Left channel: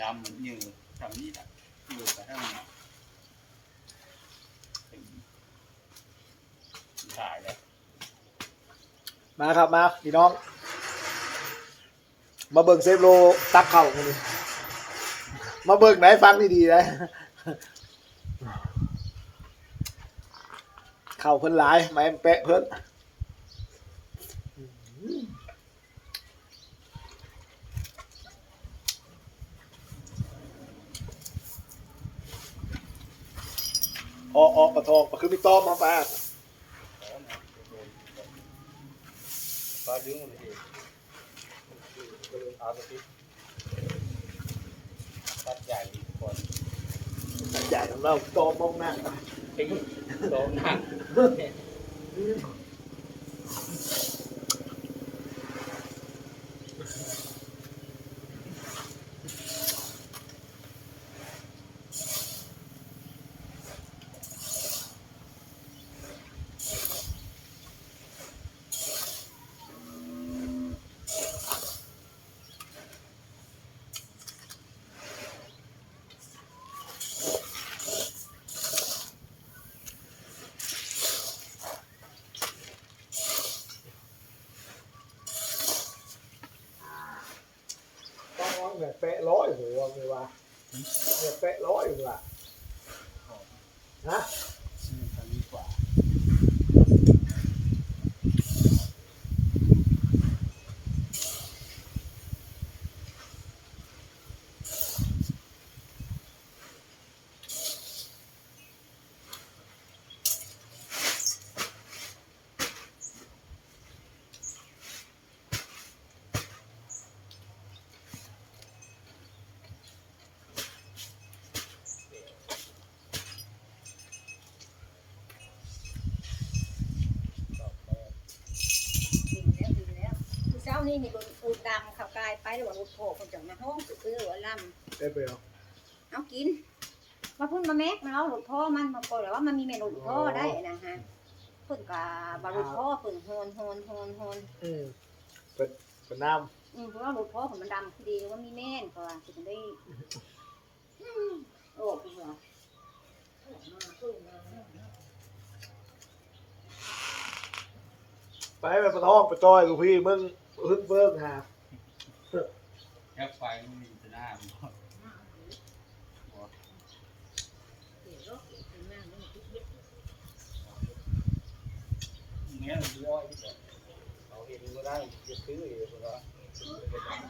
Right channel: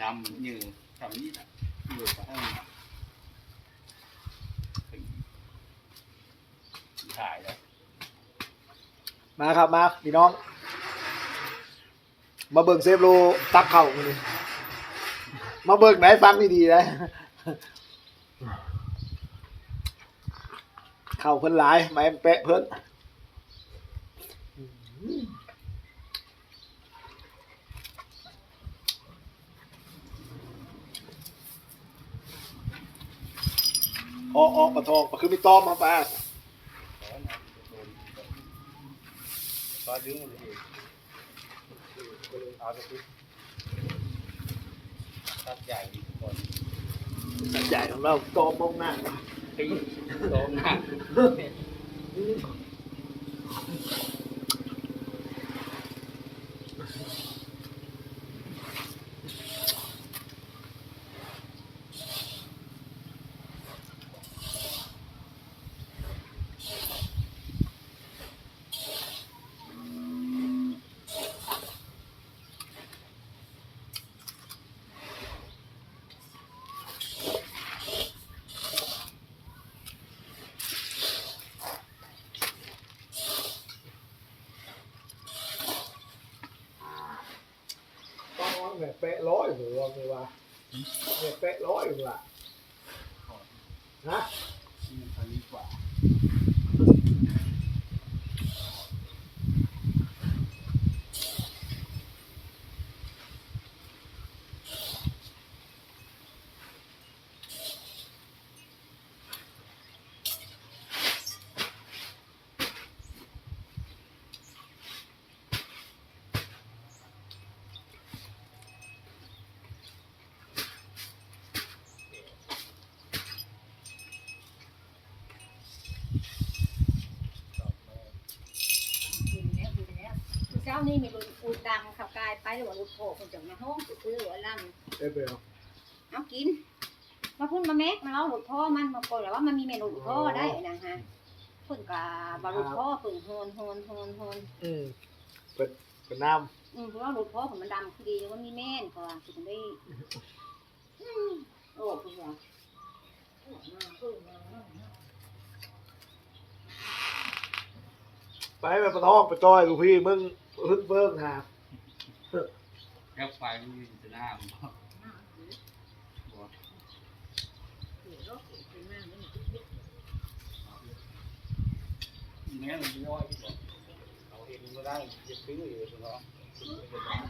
ดำมันยืนทำนี่แหละอยืนไปข้างหน้าถ่ายแล้วมาครับมาพี่น้อง มาเบิ่งเซฟโลตักเข่ามาดิมาเบิ่งไหนฟังดีๆนะเข่าเพิ่นหลายไม้แปะเพิ่น ออกออกปะทองปะคือมีต้อมมาปะแล้วนะโดนก็ดึงมันเลยเอาไปที่ตัดใหญ่ดีทุกคนใหญ่ของเราต้อมมองหน้าตีโดนหนัก ต้อง แปะร้อยหัวเลยว่ะเนี่ยแปะร้อยหัวฮะ นี่ทำดีกว่า กินแล้วกินแล้วคือเช้า นี้มีรถอูดดำเขากายไปแล้วว่ารถโผล่คนจังมาห้องซื้อหัวลได้ไปเอาำเอากิน มาพุ่นมาแม็กมาเอารถพ่อมันมาปล่อยแล้วว่ามันมีเมนูรถพ่อได้นะฮะเพิ่นกะบารถพ่อเพิ่นโฮนโฮนโฮนโฮนอืมเป็นเป็นน้อืมเพราะว่ารถพ่อผมมันดำคือดีแล้วว่ามีแม่นกว่าคือถึงได้อืมโอ้พี่เหรอโอ้มาเพิ่นมาำไปแบบปะทองไปจอยลูกพี่มึง พึ่งเบิ้งหาแค่ไฟมันมีแต่หน้ามันบอกมาเดี๋ยวบอกเดี๋ยวรถเก๋ไปมากนี่มันเยอะแม่เราย่อยที่บอกเราเองก็ได้จะซื้อเองเหรอ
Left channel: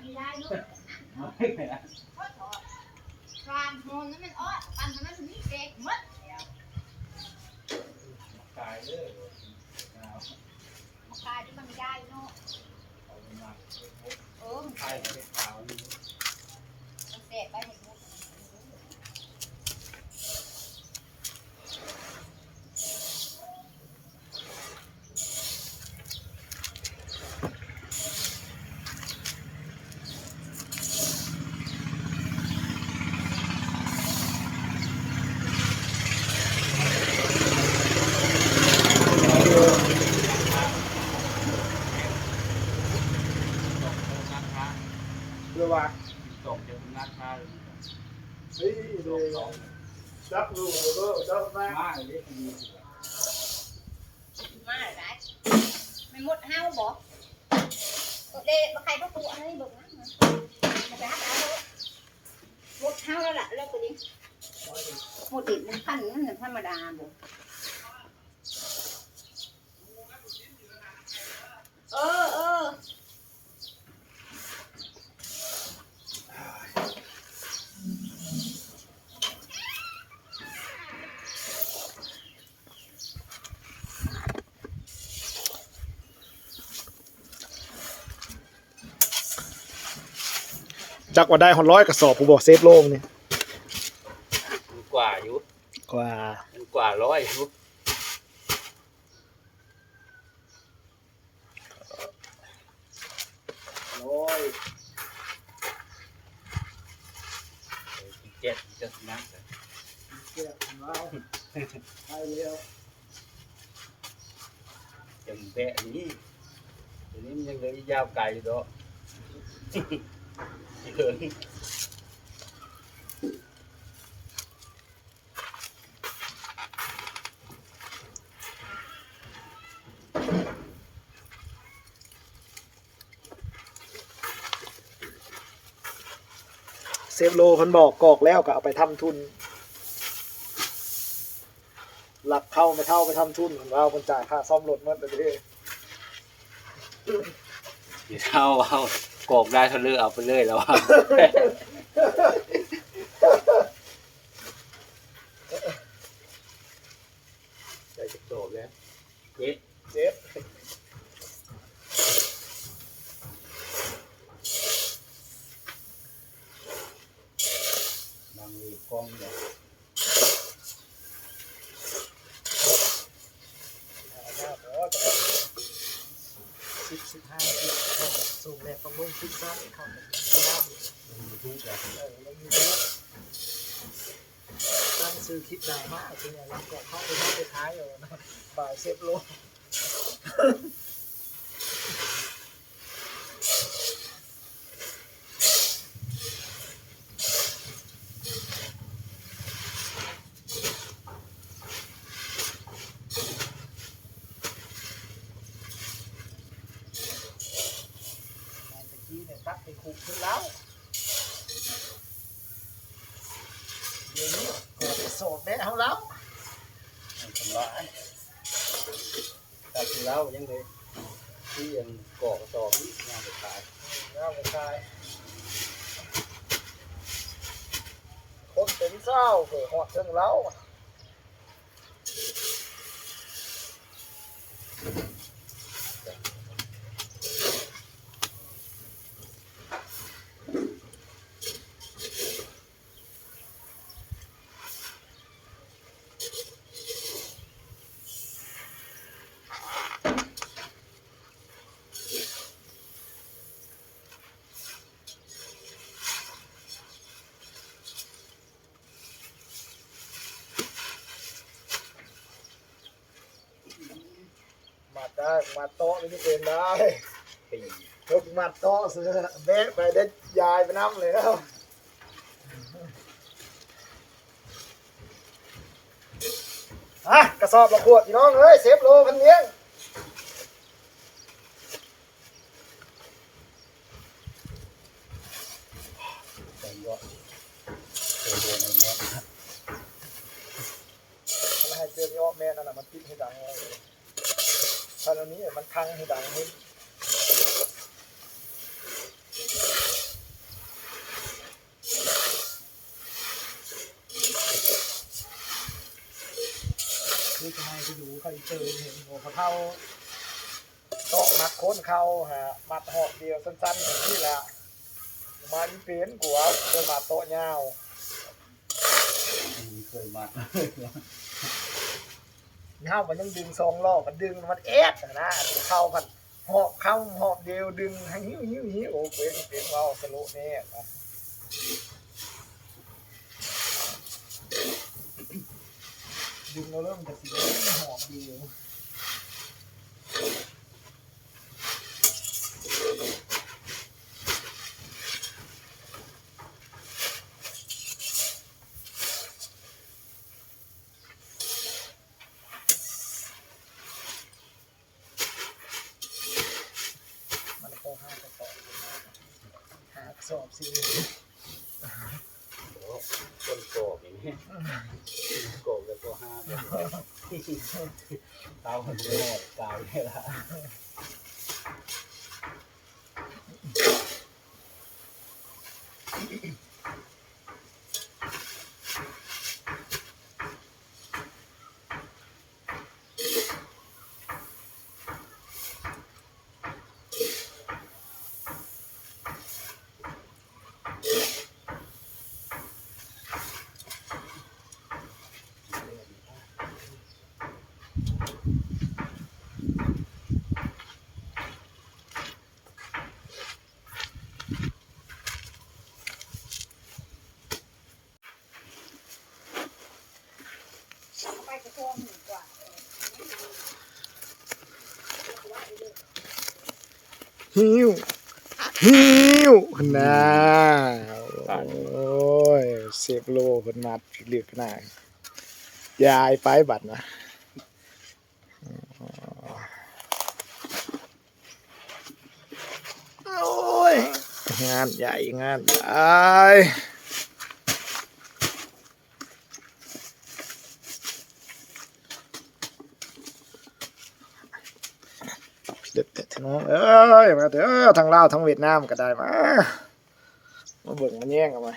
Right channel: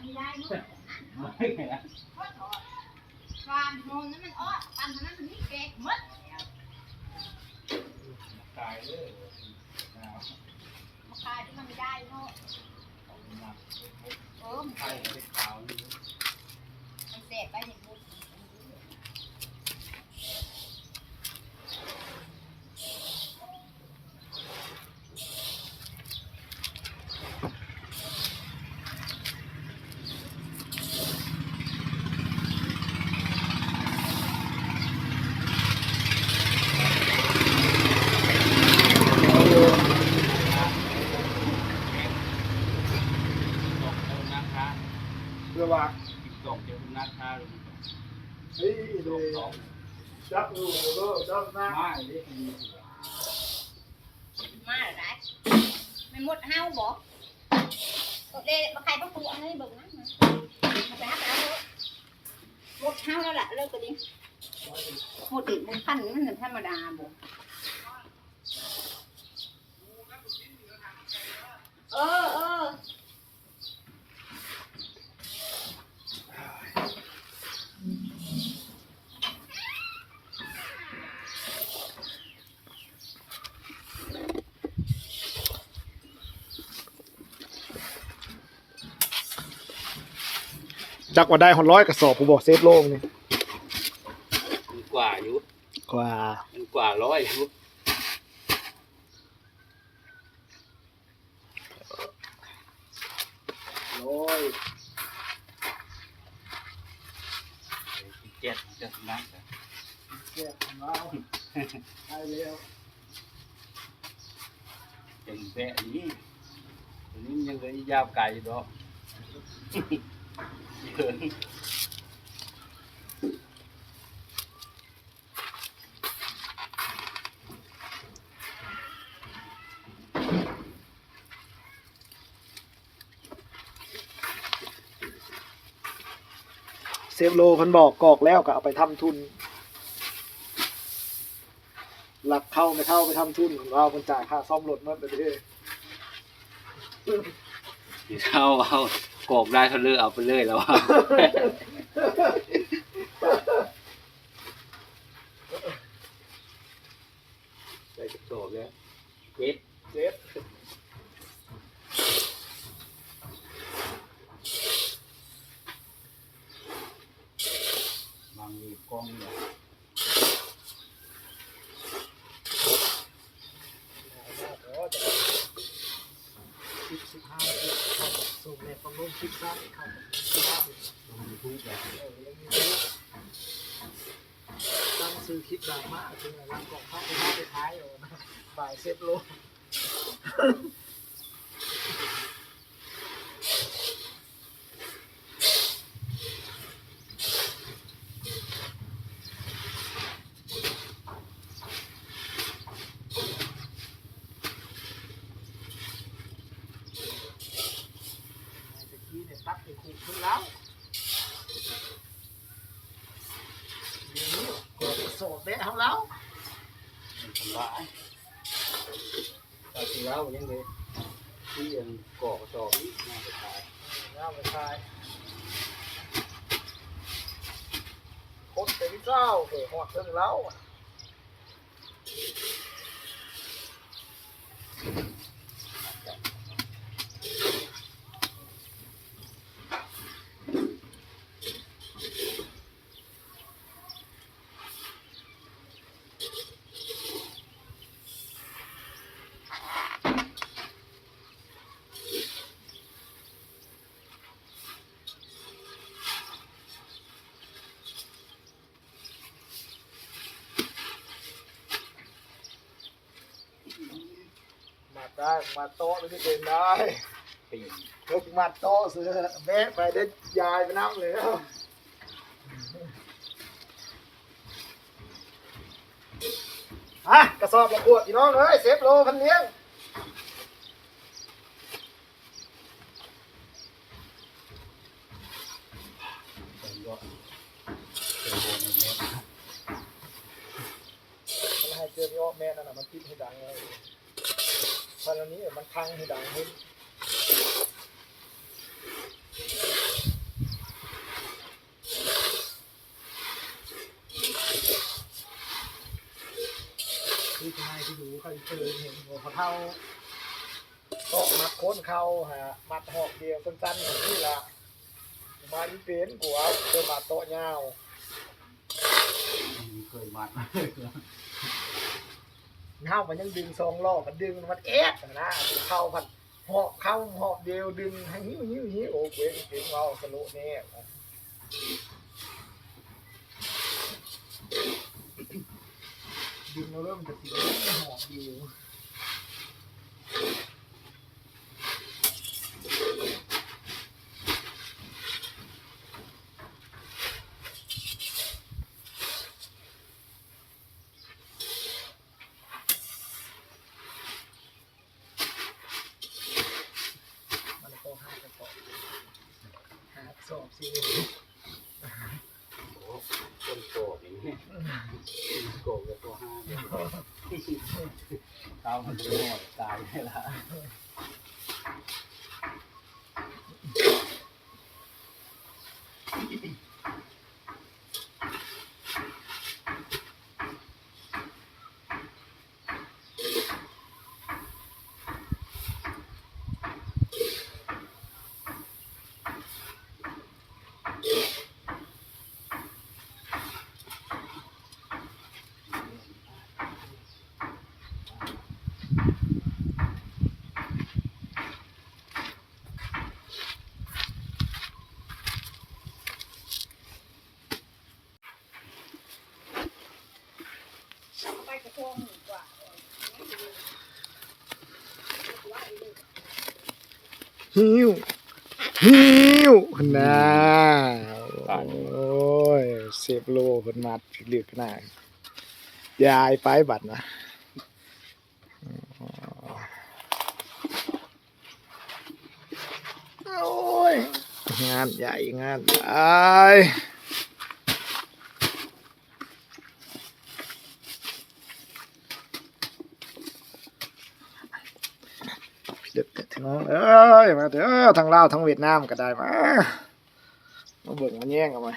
ไม่ได้ลูกไม่นะก็ถอดฟานโฮนนั้นมันอ้อปันนั้นมันนี่เก๊กหมดเดี๋ยวตายเลยหน้ามาขายที่มันไม่ได้เนาะ เออมันไข่เล็กขาวนี่ มันเสพไปเห็นหมด ตกจะนักค้า เพื่อว่า ตกจะนักค้าเลย เฮ้ย ต เดี๋ยว กสอง จับลูกเด้อจับนะ มาเลยดีกว่ามาหรือไรมันหมดเฮาบ่กดเลยมาใครต้องดูอันนี้ดูนะมาไปหาตาเลยหมดเฮาแล้วล่ะเลิกกันดิหมดติดมันพันมันธรรมดาบ่เออเออ จักว่าได้หอนร้อยกระสอบผู้บอกเซฟโลงนี่มันกว่าอยู่กว่ามันกว่าร้อยอยู่ร้อยเจ็ดจะนักเจ็ดมาได้แล้วจังแบะนี้ตัวนี้มันยังเหลือยาวไกลอยู่ดอก เซฟโลพันบอกกอกแล้วก็เอาไปทำทุน หลักเข้าไม่เข้าไปทำทุนของเราคนจ่ายค่าซ่อมรถเมื่อไปเร่อย เท่าเอา กอกได้เท่าเลือกเอาไปเลยแล้วว่าใจจะโตแล้วเจ็ดเจ็ดบางทีกล้องเนี่ย สิบสิบห้าสิบสูงแรงต้องลงสิบสามเข้าไปที่บ้าน ยูทูบเลย เออแล้วมีรู้ ตั้งซื้อคลิปได้มากจริงๆวันก่อนเข้าไปท้ายไปท้ายอยู่นะบ่ายเซฟโล ตะกี้เนี่ยตักไปคุกขึ้นแล้วเดี๋ยวนี้กดโสดแม่เขาแล้ว ทำร้ายแต่ที่แล้วยังเลยที่ยังกอกกระสอบนี่น่าจะตาย น้า ได้มาโต๊ะไม่ใช่เป็นได้ปียกมาโต๊ะเสือแบกไปได้ยายไปน้ำเลยแล้วฮะกระสอบละขวดพี่น้องเอ้ยเซฟโลพันเลี้ยงแต่ก็เจอโดนในเนี้ยมันให้เจอนี่อ้อแม่นั่นน่ะมันปิดให้ดังเลย ตอนนี้มันคังให้ดังขึ้นคือทำไมไปดูใครเจอเห็นหัวเขาเท่าโต๊ะมัดโค้นเขาฮะมัดหอกเดียวสั้นๆของนี่แหละมาอีเป็นกัวเป็นมาโตะยาวเคยมา เงามันยังดึงสองล้อมันดึงมันแอดนะเข้ากันหอบเข้าหอบเดียวดึงหิ้วหิ้วหิ้วโอ้เว้ยเก่งเราสโลแน่ดึงเราเริ่มจะสีหอบเดียวมันก็ห้ากระสอบหากระสอบสิ คนโกบอย่างนี้โกบแล้วก็ห้าเป็นร้อย เท้ามันจะหมดตายได้ละ หิวหิวหิวน่าโอ้ยเซฟโลคนมาเลือกหน้ายายไปบัตรนะโอ้ยงานใหญ่งานใหญ่ น้องเอ้ยมาเถอะทั้งลาวทั้งเวียดนามก็ได้มามาเบิ่งมาแย่งกันมา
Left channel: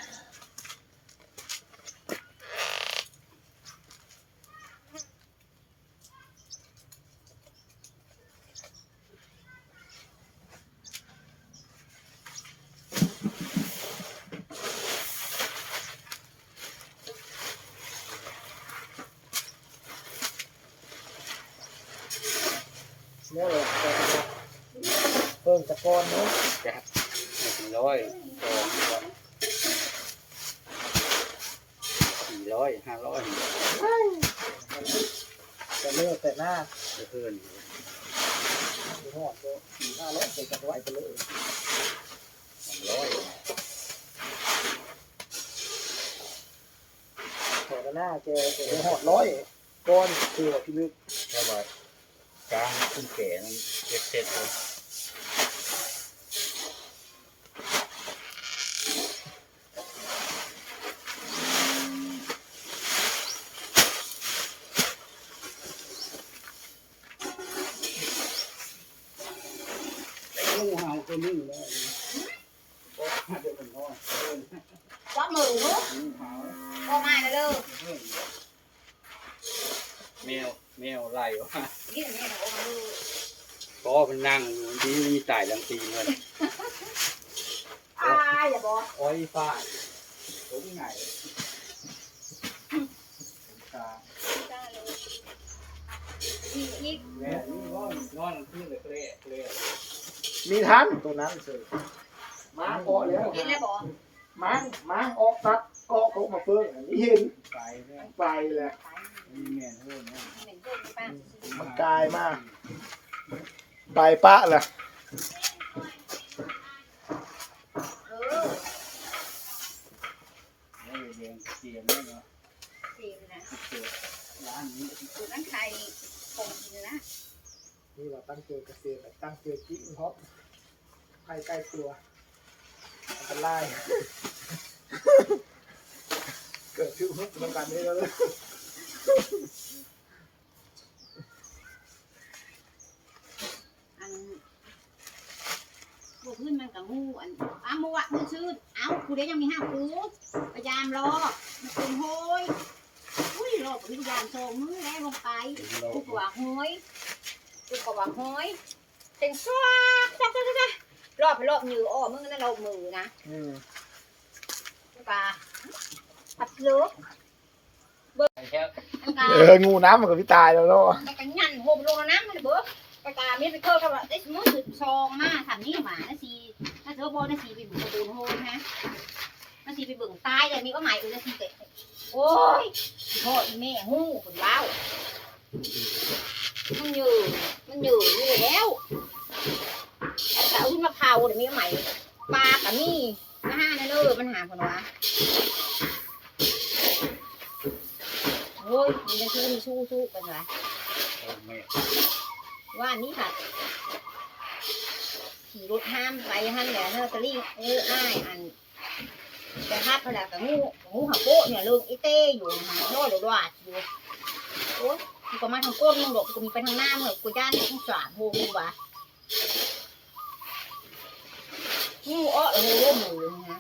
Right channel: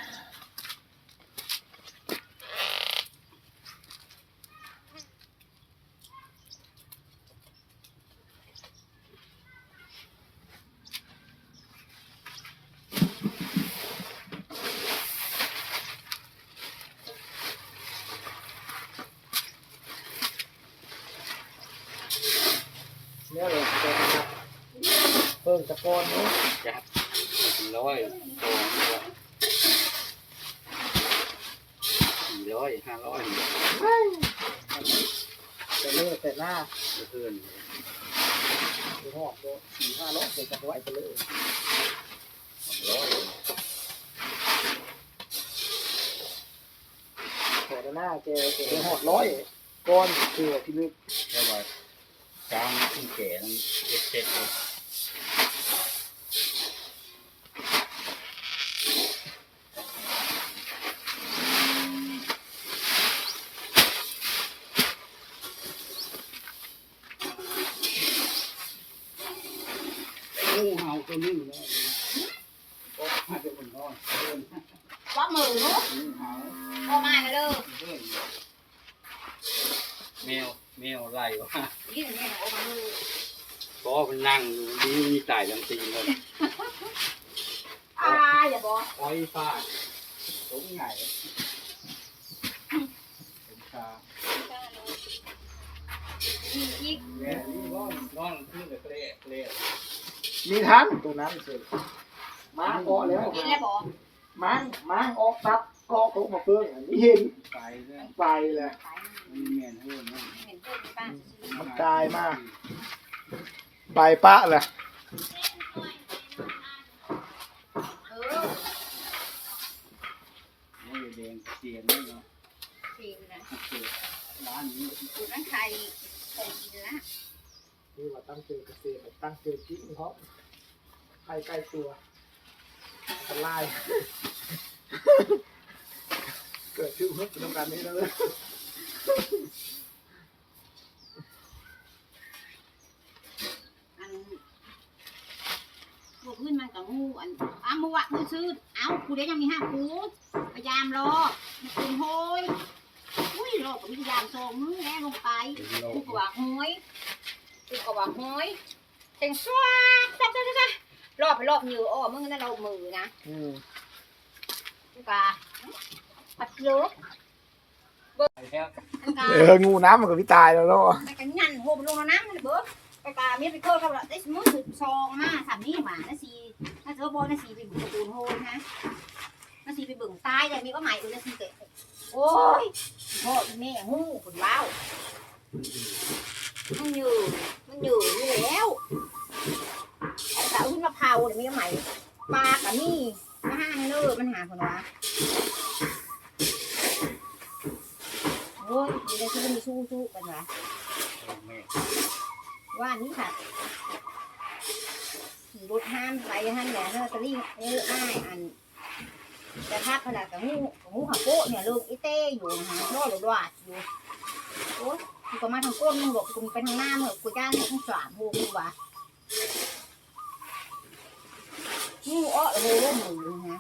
เนี่ยเลยเพิ่มตะกอนเนาะ จัดสี่ร้อยสองร้อยสี่ร้ อยห้าร้อยจะเลิกแต่หน้าเพื่อนไปหอดก็สี่ห้าร้อยเสร็จจากไว้ไปเลยสองร้อยแต่หน้าแกแกไปหอดร้อยก้อนคือที่ลึกแค่ว่ากลางขึ้นแก่นั่นเจ็ดเจ็ดเลยงูเห่าตัว นึงแล้วก็มาจะเป็นน้อยเดินว่ามือเนาะงูเห่าพอมาแล้วเด้อแมวแมวไล่ว่านี่เนี่นะโอ้มือก็มันนั่งอยู่ดีมีตายลำตีเงินอ่าอย่าบอกอ้อยฟ้าตรงไหนตาอีกอีกแม่นี่นอนนอนขึ้นเลยเกละเกละ มีทันตัวนั้นสิม้าเกาะแล้วกินแล้วบอกม้าม้าออกตัดเกาะเขามาเพิ่งอันนี้เห็นไปแล้วไปแหละมีแม่นเฮือนนะเห็นเพื่อนป้ามันกลายมาก ไปปะแหละเออแล้วแดงเตียงนี่เนาะกินนะเกิดร้านนี้ ดูนั่นใครคงกินละ นี่ว่าตั้งเจอเกษตรตั้งเจอจิ้งเพราะใครใกล้ตัวอันตราย เกิดชื่อเพิ่มตรงกันนี้แล้วเลยอันพวกขึ้นมันกับงูอันอ้าวมัวมือซื้อเอ้ากูเดี๋ยวยังมีห้ากูพยายามรอมันเป็นโหยอุ้ยรอผมพยายามส่งมือแล้วลงไปเป็นโลกูกกว่าห้ อยกูกว่าห้อยเต็งสวาจ้าจ้าจ้ารอบไปรอบมืออ้อมึงนั่นเรามือนะอืมกูกาปัดเลือกไปแล้วอันกาเอองูน้ำมันกับพี่ตายแล้วเนาะแต่กันยันโหมลงแล้วนะมันเบิกกากามีไปเคิร์ฟเท่าไหร่ได้มือสุดซองมาสามนี่หมานะสีน่าจะว่าโบนะสีไปบุกประตูโฮนะนะสีไปเบิ่งตายเลยมีว่าหมายอื่นนะสีเตะโอ้ยพ่ออีแม่หูคนเล่า มันอยู่ มันอยู่นี่แล้วแต่เอาขึ้นมาเผาเดี๋ยวมีว่าหมายปลากับมีนะฮะนั่นเลยมันหาคนวะโอ้ยมีแต่ชู้มีชู้ชู้กันวะแม่ว่านี่ค่ะขี่รถห้ามไปห้ามแหล่เนอร์ตะลี่เอออ้ายอันแต่ถ้าขนากับงูงูหักโป๊ะเนี่ยลุงอีเต้อยู่นะฮะโน่หลดวาอยู่โอ้ย กูก็มาทางก้นมึงดอกกูมีไปทางหน้าเหอะกูย่านทั้งสามโหกูว่ะงูอ้อเลยเริ่มมือนะฮะ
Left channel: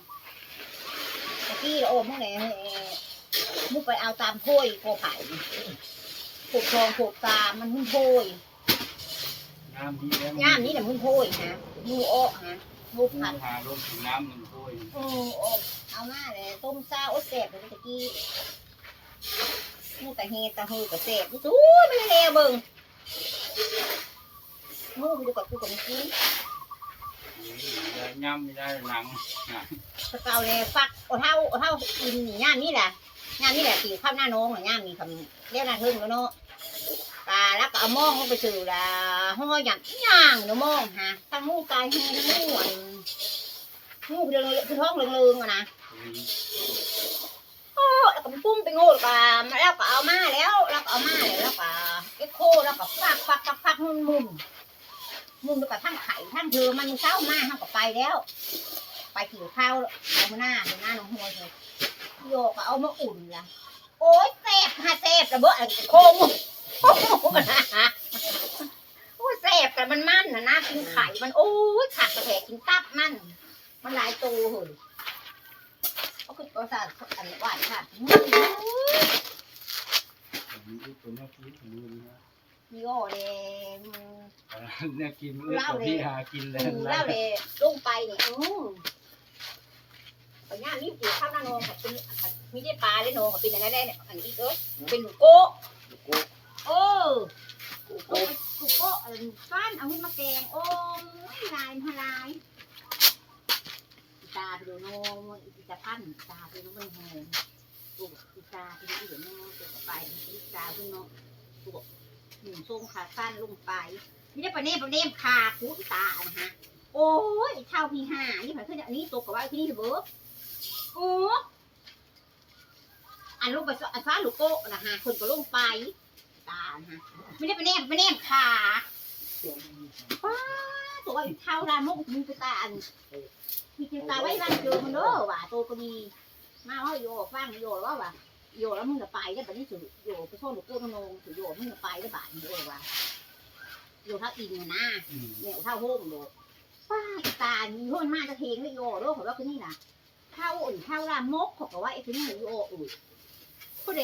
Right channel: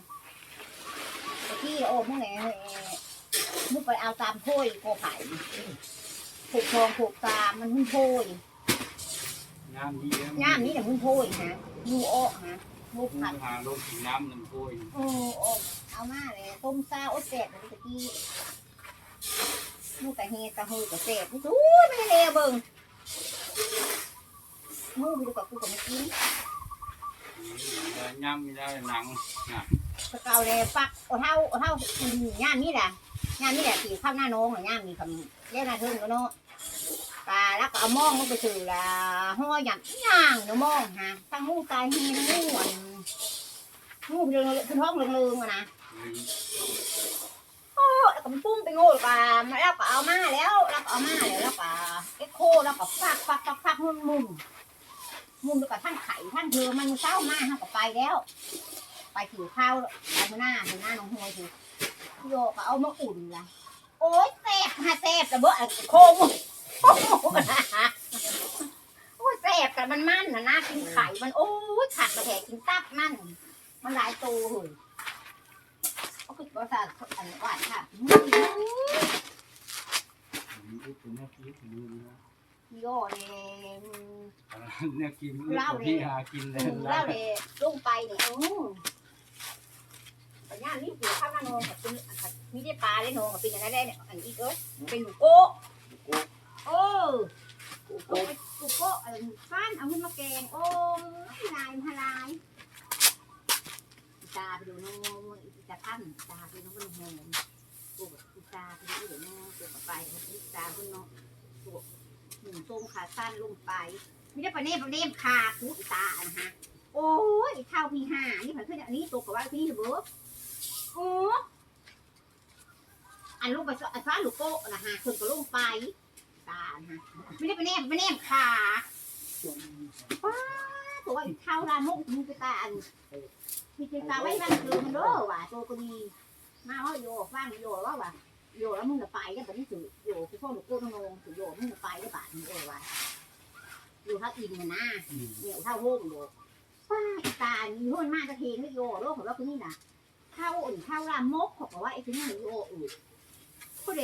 ตะกี้โอ้พวกไหนเอ่อมุกไปเอาตามโพยโกไผ่ผูกทองผูกตามันหุ้นโพยน้ำดีแล้วย่ามนี้แหละมึงโพยนะมูโอะนะมูผัดหาลงน้ำน้ำโพยมูโอะเอามาเลยต้มซาโอดแสบเลยตะกี้ มูตะเฮตะฮูกะแสบมูสู้ไม่ได้เลยเบิ่งมูไปดูกับกูกับมึงกินย่ำไม่ได้หนังตะเกาเลยฟักเอาเท่าเอาเท่ากินนี่ย่ามนี่แหละย่ามนี่แหละตีข้าวหน้าน้องย่ามมีคำเรียกหน้าเทิงแล้วเนาะตาแล้วก็เอามองลงไปสู่ละห้อยหยับย่างเนาะมองฮะตั้งมูตายเฮมูอันมูเรื่องคือท้องเรื่องๆอะนะแล้ว ก็มันปุ้มไปโง่กับมาแล้วก็เอามาแล้วแล้วก็เอามาแล้วแล้วก็เอ็กโคแล้วก็ฟักฟักฟักฟักมุนมุนมุนไปกับทั้งไข่ทั้งเธอมันเศร้ามากทั้งก็ไปแล้ว ไปขี่ข้าวเอาหน้าเอาหน้าน้องหวยเถอโยกเอามาอุ่นละโอ๊ยแซ่บฮะแซ่บระเบ้อโค้งโอ้แซ่บบกันมันมันนะนะกินไข่มันโอ้ยขาดกระแทกกินตับมันมันหลายตัวเหยก็ คือประสาทอันหวานค่ะมีตัวแม่กินดูดีนะมีโอ้เลยนเนี่ยกินเอื้อกับพี่หากินแล้วเล่าเลยลงไปเนี่ยอือปัญญารีบเกี่ยวข้าวหน้าโนกับเป็นมีได้ปลาได้โนกับเป็นอะไรได้เนี่ยอันนี้เอ้ยเป็นโก้โอ้โก้โก้อันฟ้านเอาขึ้นมาแกงโอ้ลายมาลาไปดูโนอีตานตาไปดูมันแหงตัวอีตาไปดูเดี๋ยวโนตัวไปอีตาขึ้นโนตัวหนึ่งทรงขาสั้นลงไปไม่ได้ประเนมประเนมคาคูอีตานฮะโอ้ยเท่าพี่ห้านี่ผ่านขึ้นอันนี้ตัวกับว่าที่นี่เถอร์โอ้อันลงไปอันฟ้าลูกโก้นะฮะคนก็ลงไปตาฮะไม่ได้ประเนมประเนมขาป้าตัวว่าเท่าลามกมีไปตาอัน มีไปตาไว้นั่งเจอมันเด้อว่ะตัวก็มีมาว่าโยกฟังโยกว่าว่ะโยกแล้วมึงจะไปแล้วแบบนี้สุโยกไปพ่อลูกโก้ทั้งงงสุโยกมึงจะไปแล้วบาทนี้เลยว่ะโยกเท่าอินนะเนี่ยเท่าโฮมโดดป้าตามีห้นมากจะเทงไม่โยกโลกของว่าคือนี่นะเท่าอุ่นเท่าลามกของว่าไอ้คือนี่โยกอุ่นผู้ใด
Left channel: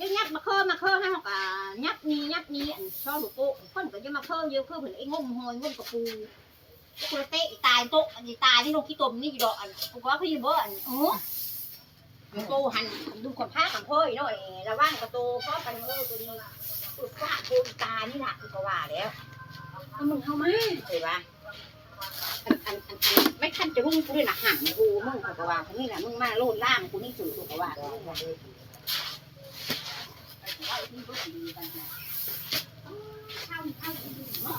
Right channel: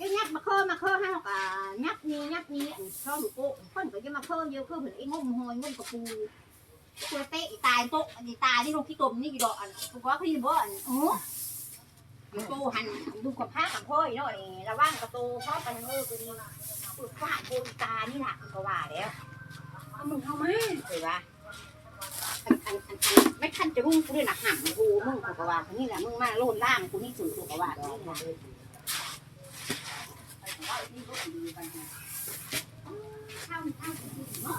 ยังยักมาเพิ่มมาเพิ่มให้เขากะยักนี้ยักนี้อันช่อลูกโป่งคนก็จะมาเพิ่มเยอะเพิ่มเหมือนไอ้งมหอยงมกระปู ตัวเตะตายโต๊ะอันนี้ตายนี่ลงที่ตมนี่ดอกอันผมว่าพี่บ่อันโอ้โตหันดูคนพากันพ่อยเนาะระว่างกระโตพ่อปันเออตัวนี้ตุดว่าโกตานี่นะก็ว่าแล้วมึงเข้ามาเห็นปะอันอันอันอันไม่ทันจะมึงกูด้วยนะหันกูมึงกว่าคนนี้แหละมึงมาโลดล่างกูนี่สุดกว่าเข้าเข้าเนาะโอ้มึงเนาะ